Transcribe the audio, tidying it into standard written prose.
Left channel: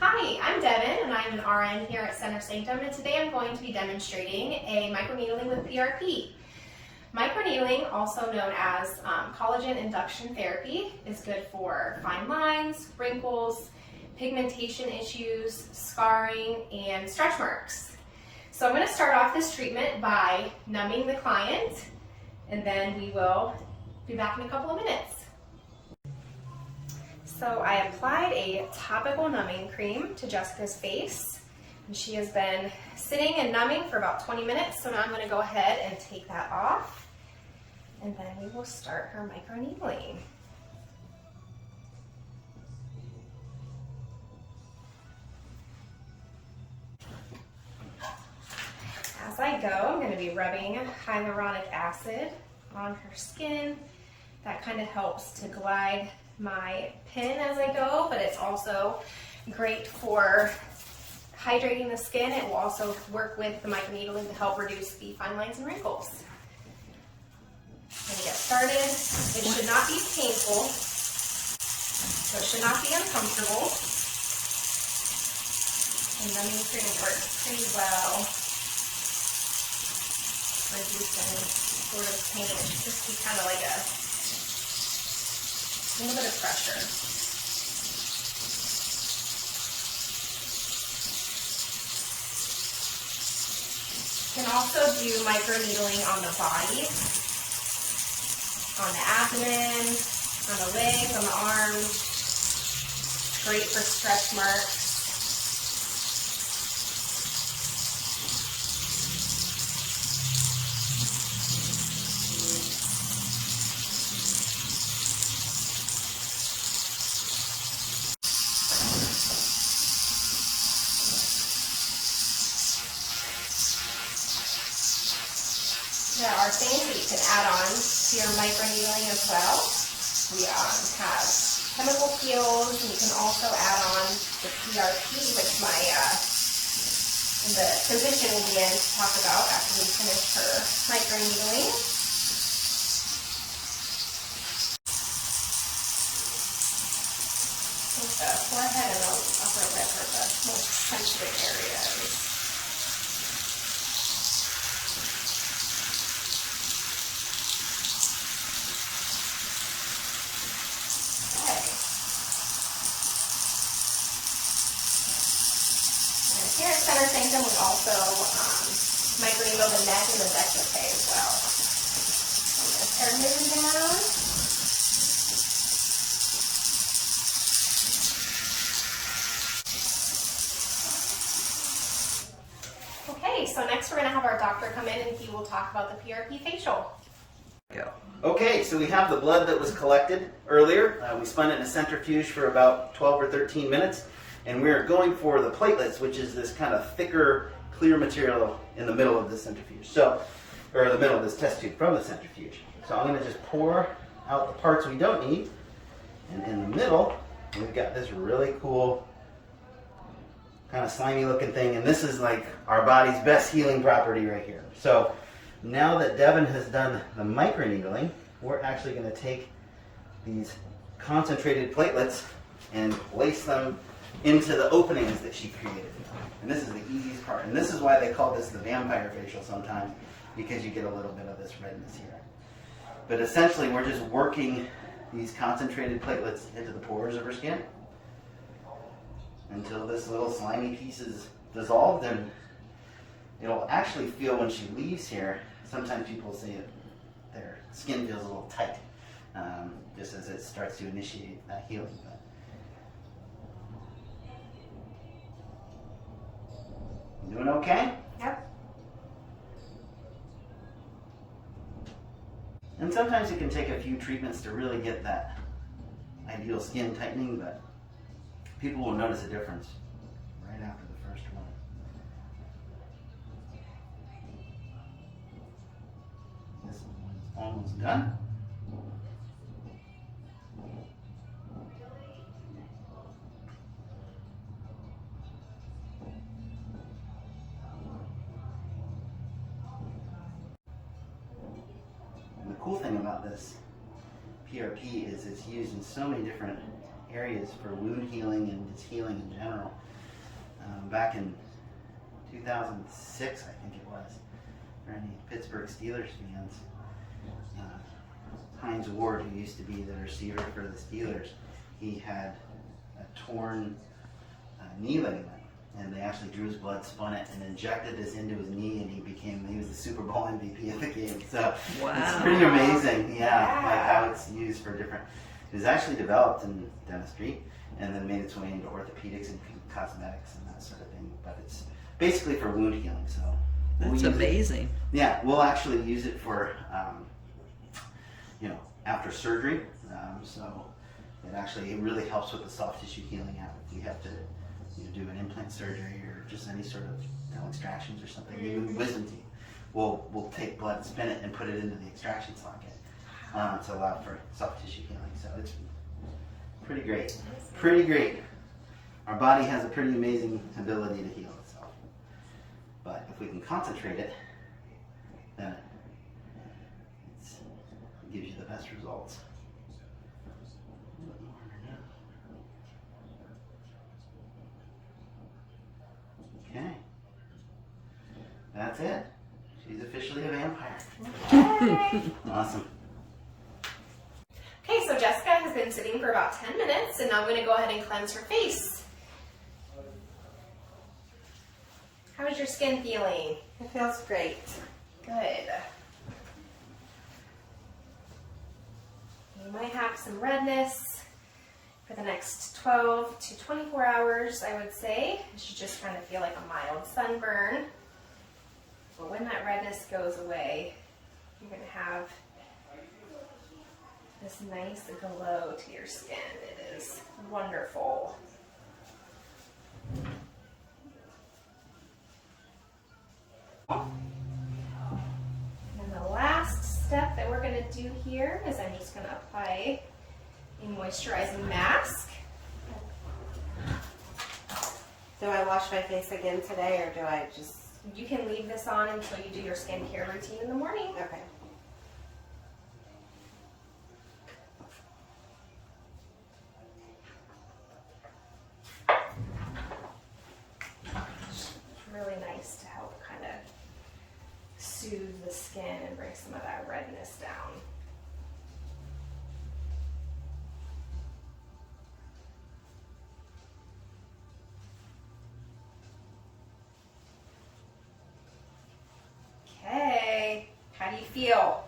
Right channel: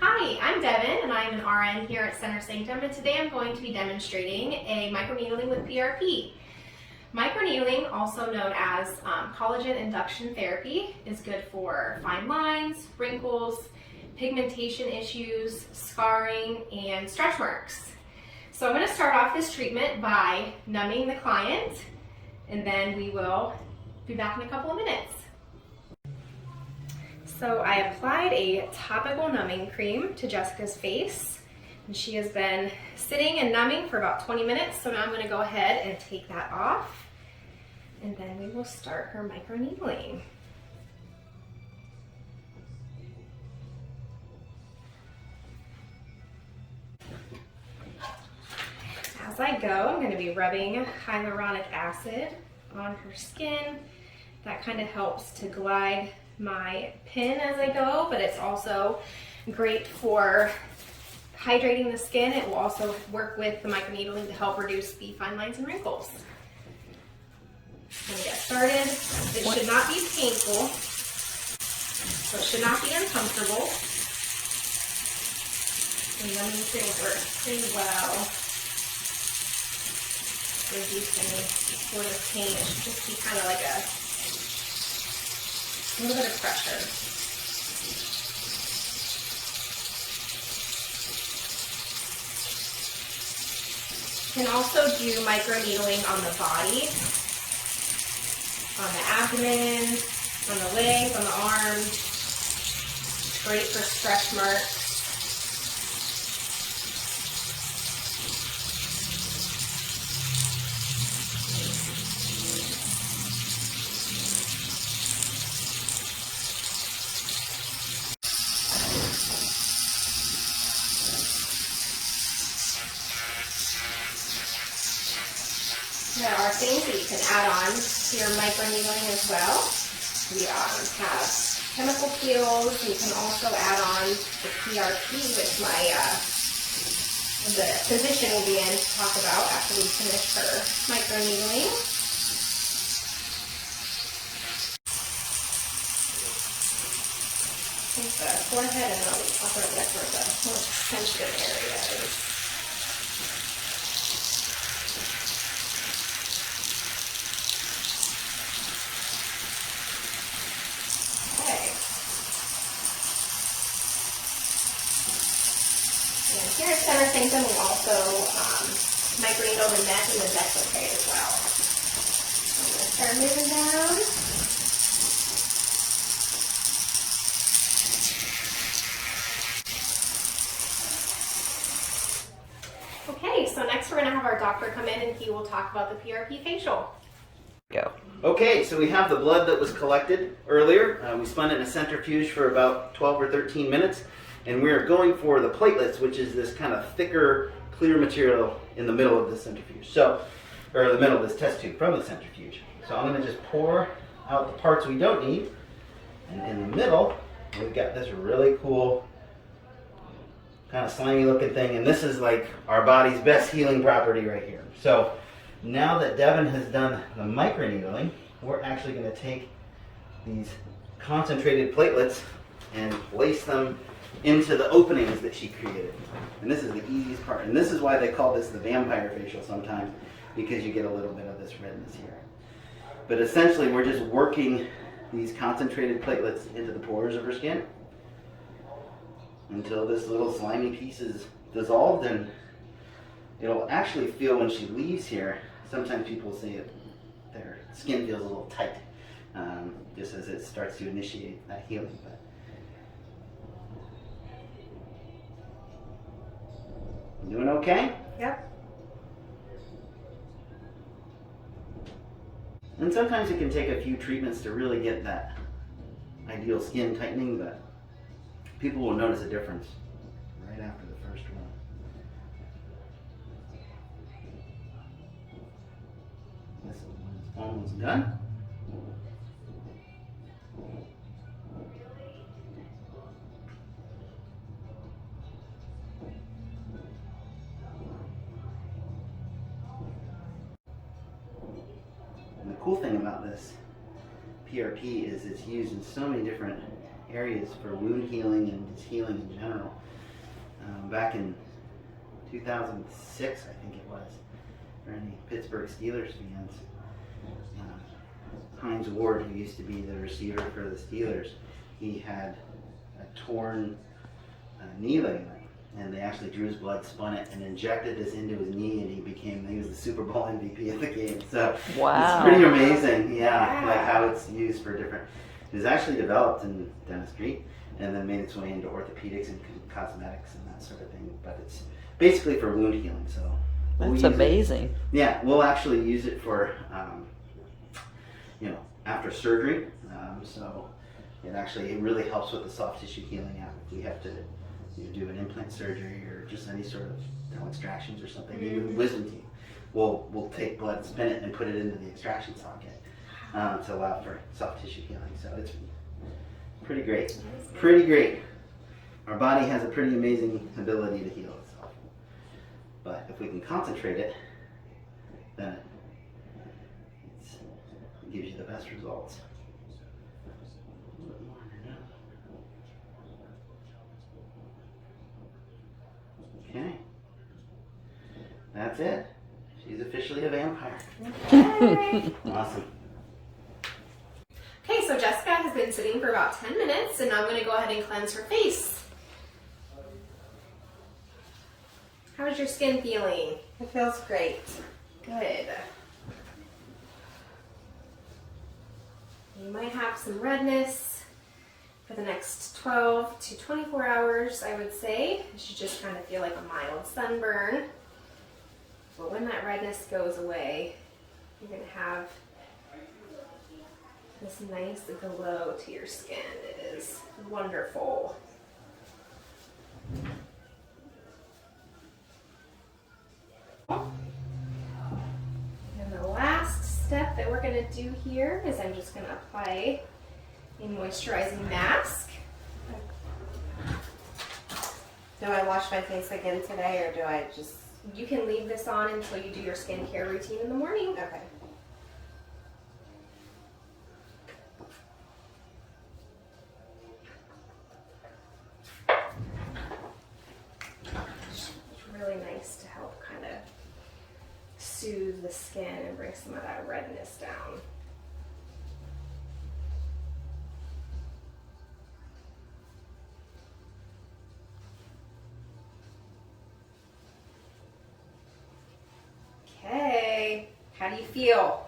Hi, I'm Devin and I'm an RN here at Sanctum, and today I'm going to be demonstrating a microneedling with PRP. Microneedling, also known as collagen induction therapy, is good for fine lines, wrinkles, pigmentation issues, scarring, and stretch marks. So I'm going to start off this treatment by numbing the client, and then we will be back in a couple of minutes. So I applied a topical numbing cream to Jessica's face, and she has been sitting and numbing for about 20 minutes. So now I'm going to go ahead and take that off, and then we will start her microneedling. As I go, I'm going to be rubbing hyaluronic acid on her skin. That kind of helps to glide my pin as I go, but it's also great for hydrating the skin. It will also work with the microneedling to help reduce the fine lines and wrinkles. I'm going to get started. It should not be painful, so it should not be uncomfortable. And numbing cream works pretty well, reducing sort of pain. It should just be kind of like a little bit of pressure. You can also do microneedling on the body, on the abdomen, on the legs, on the arms. It's great for stretch marks. There are things that you can add on to your microneedling as well. We have chemical peels. You can also add on the PRP, which the physician will be in to talk about after we finish her microneedling. The forehead and the upper lip are the most sensitive areas. Here at Sanctum, we also microneedle the neck and the décolleté as well. I'm going to start moving down. Okay, so next we're going to have our doctor come in and he will talk about the PRP facial. Go. Okay, so we have the blood that was collected earlier. We spun it in a centrifuge for about 12 or 13 minutes. And we're going for the platelets, which is this kind of thicker, clear material in the middle of the centrifuge. Or the middle of this test tube from the centrifuge. So I'm going to just pour out the parts we don't need. And in the middle, we've got this really cool, kind of slimy looking thing. And this is like our body's best healing property right here. So now that Devin has done the microneedling, we're actually going to take these concentrated platelets and place them into the openings that she created. And this is the easiest part. And this is why they call this the vampire facial sometimes, because you get a little bit of this redness here. But essentially, we're just working these concentrated platelets into the pores of her skin until this little slimy piece is dissolved, and it'll actually feel when she leaves here. Sometimes people say their skin feels a little tight, just as it starts to initiate that healing. Doing okay? Yep. And sometimes it can take a few treatments to really get that ideal skin tightening, but people will notice a difference right after the first one. This one's almost done. Cool thing about this PRP is it's used in so many different areas for wound healing and just healing in general. back in 2006, I think it was, for any Pittsburgh Steelers fans. Heinz Ward, who used to be the receiver for the Steelers, he had a torn knee ligament, and they actually drew his blood, spun it, and injected this into his knee, and he was the Super Bowl MVP of the game. So wow. It's pretty amazing, yeah, like how it's used for different. It was actually developed in dentistry, and then made its way into orthopedics and cosmetics and that sort of thing. But it's basically for wound healing. So That's amazing. Yeah, we'll actually use it for, after surgery. So it really helps with the soft tissue healing. If we have to do an implant surgery or just any sort of dental extractions or something, even wisdom teeth, we'll take blood, spin it, and put it into the extraction socket to allow for soft tissue healing. So it's pretty great. Pretty great. Our body has a pretty amazing ability to heal itself. But if we can concentrate it, then it gives you the best results. Okay. That's it. She's officially a vampire. Okay. Awesome. Okay, so Jessica has been sitting for about 10 minutes, and now I'm going to go ahead and cleanse her face. How's your skin feeling? It feels great. Good. You might have some redness for the next 12 to 24 hours, I would say. You should just kind of feel like a mild sunburn. But when that redness goes away, you're going to have this nice glow to your skin. It is wonderful. And the last step that we're going to do here is I'm just going to apply a moisturizing mask. Do I wash my face again today, or do I just... You can leave this on until you do your skincare routine in the morning. Okay. It's really nice to help kind of soothe the skin and bring some of that redness down. Okay, how do you feel?